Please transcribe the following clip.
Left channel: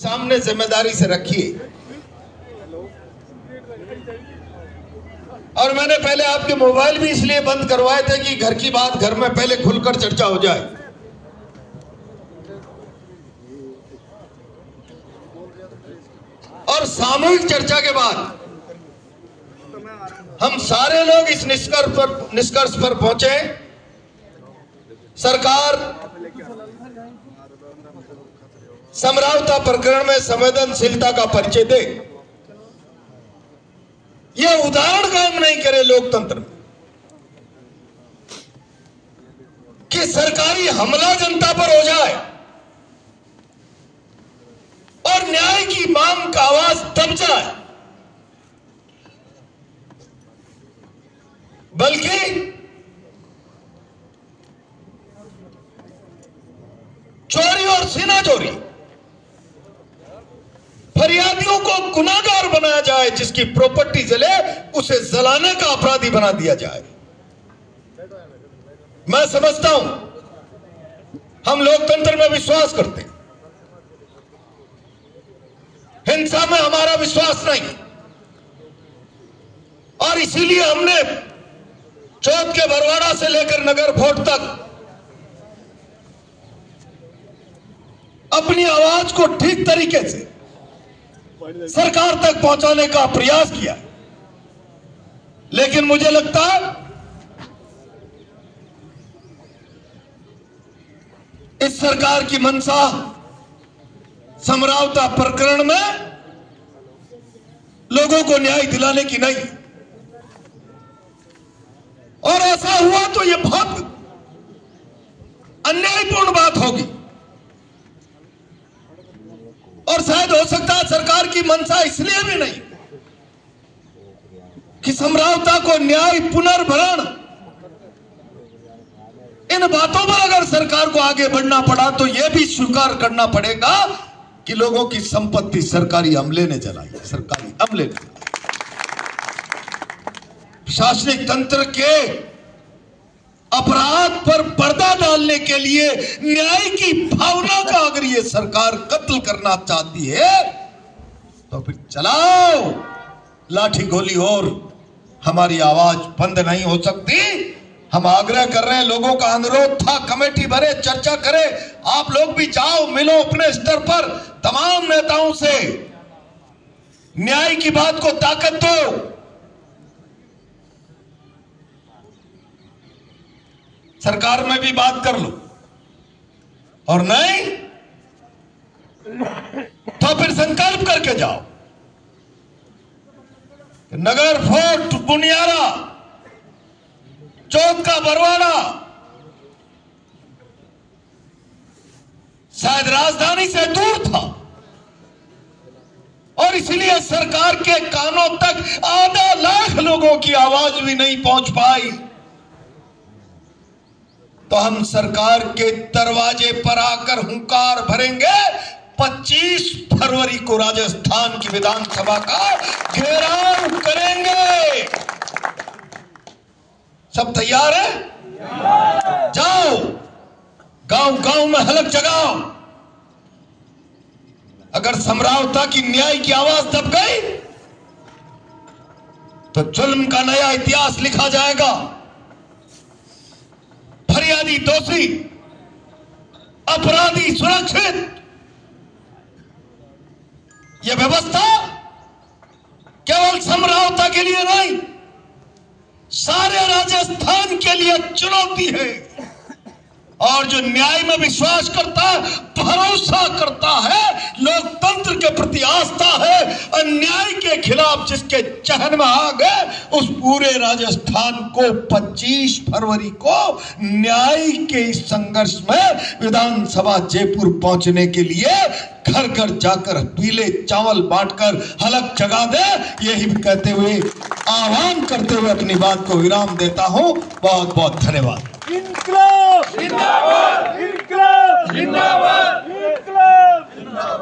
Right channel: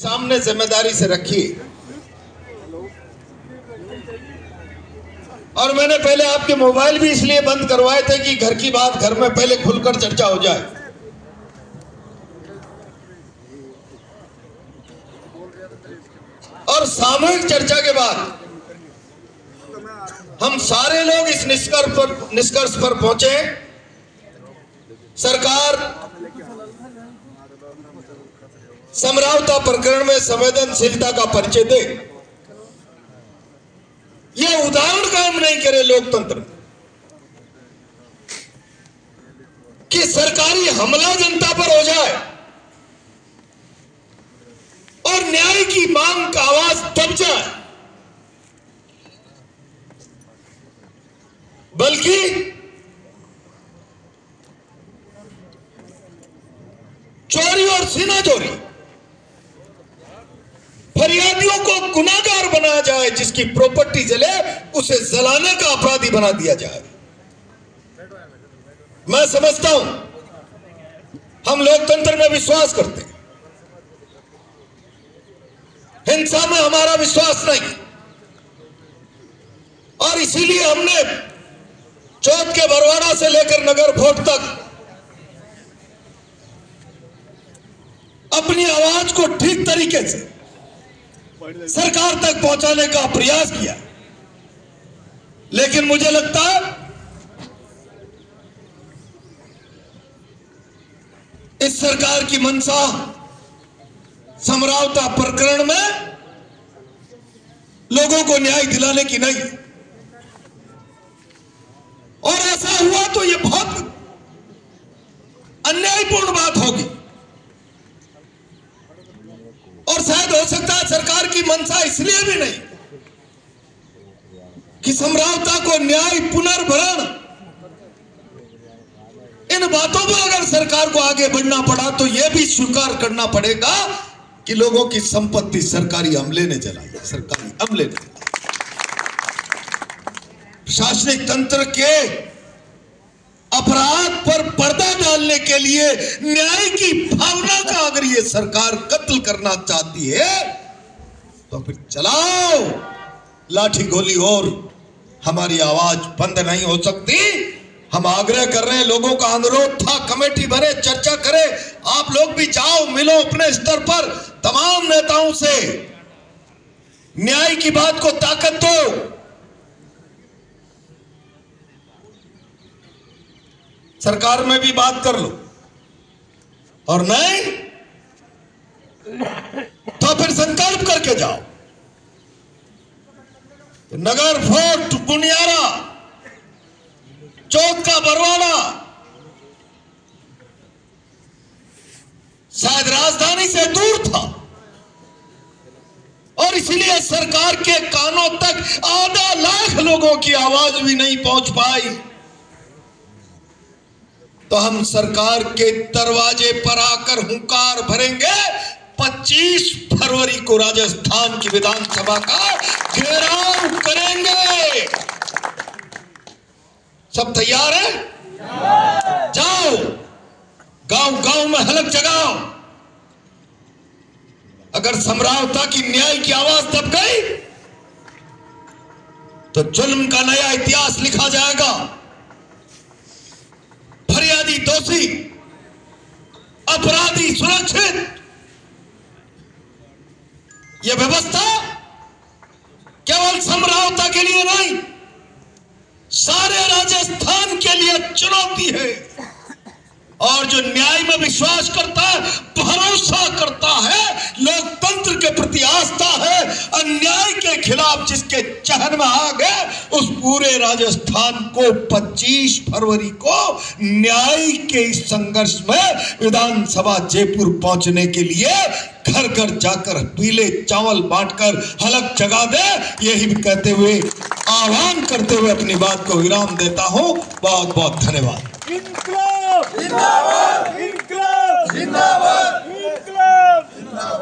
सामने जिम्मेदारी से रखिए। और मैंने पहले आपके मोबाइल भी इसलिए बंद करवाए थे कि घर की बात घर में पहले खुलकर चर्चा हो जाए। और सामूहिक चर्चा के बाद हम सारे लोग इस निष्कर्ष पर पहुंचे, सरकार समरावता प्रकरण में संवेदनशीलता का परिचय दे। यह उदाहरण कायम नहीं करे लोकतंत्र कि सरकारी हमला जनता पर हो जाए और न्याय की मांग का आवाज दब जाए, बल्कि चोरी और सीना चोरी फरियादियों को गुनाहगार बनाया जाए, जिसकी प्रॉपर्टी जले उसे जलाने का अपराधी बना दिया जाए। मैं समझता हूं हम लोकतंत्र में विश्वास करते हैं, हिंसा में हमारा विश्वास नहीं, और इसीलिए हमने चौथ के बरवाड़ा से लेकर नगर फोर्ट तक अपनी आवाज को ठीक तरीके से सरकार तक पहुंचाने का प्रयास किया। लेकिन मुझे लगता है इस सरकार की मंशा समरावता प्रकरण में लोगों को न्याय दिलाने की नहीं, और ऐसा हुआ तो यह बहुत अन्यायपूर्ण बात होगी। और शायद हो सकता है सरकार की मंशा इसलिए भी नहीं कि समरावता को न्याय पुनर्भरण, इन बातों पर अगर सरकार को आगे बढ़ना पड़ा तो यह भी स्वीकार करना पड़ेगा कि लोगों की संपत्ति सरकारी अमले ने जलाई है, सरकारी अमले ने जलाई। प्रशासनिक तंत्र के अपराध पर पर्दा डालने के लिए न्याय की भावना का अगर ये सरकार कत्ल करना चाहती है तो फिर चलाओ लाठी गोली, और हमारी आवाज बंद नहीं हो सकती। हम आग्रह कर रहे हैं, लोगों का अनुरोध था कमेटी भरे, चर्चा करे। आप लोग भी जाओ, मिलो अपने स्तर पर तमाम नेताओं से, न्याय की बात को ताकत दो। सरकार में भी बात कर लो, और नहीं तो फिर संकल्प करके जाओ। नगर फोर्ट, बुनियारा, चौथ का बरवाड़ा शायद राजधानी से दूर था, और इसीलिए सरकार के कानों तक आधा लाख लोगों की आवाज भी नहीं पहुंच पाई। तो हम सरकार के दरवाजे पर आकर हुंकार भरेंगे। 25 फरवरी को राजस्थान की विधानसभा का घेराव करेंगे। सब तैयार है? जाओ, गांव गांव में हलक जगाओ। अगर समरावता की न्याय की आवाज दब गई तो जुल्म का नया इतिहास लिखा जाएगा। फरियादी दोषी, अपराधी सुरक्षित। यह व्यवस्था केवल समरावता के लिए नहीं, सारे राजस्थान के लिए चुनौती है। और जो न्याय में विश्वास करता है, भरोसा करता है, लोकतंत्र के प्रति आस्था है, अन्याय के खिलाफ जिसके चहन में आ गए, उस पूरे राजस्थान को 25 फरवरी को न्याय के इस संघर्ष में विधानसभा जयपुर पहुंचने के लिए घर घर जाकर पीले चावल बांटकर हलक जगा दे। यही कहते हुए, आह्वान करते हुए अपनी बात को विराम देता हूं। बहुत बहुत धन्यवाद। इनकलाब जिंदाबाद, इनकलाब जिंदाबाद, इनकलाब जिंदाबाद।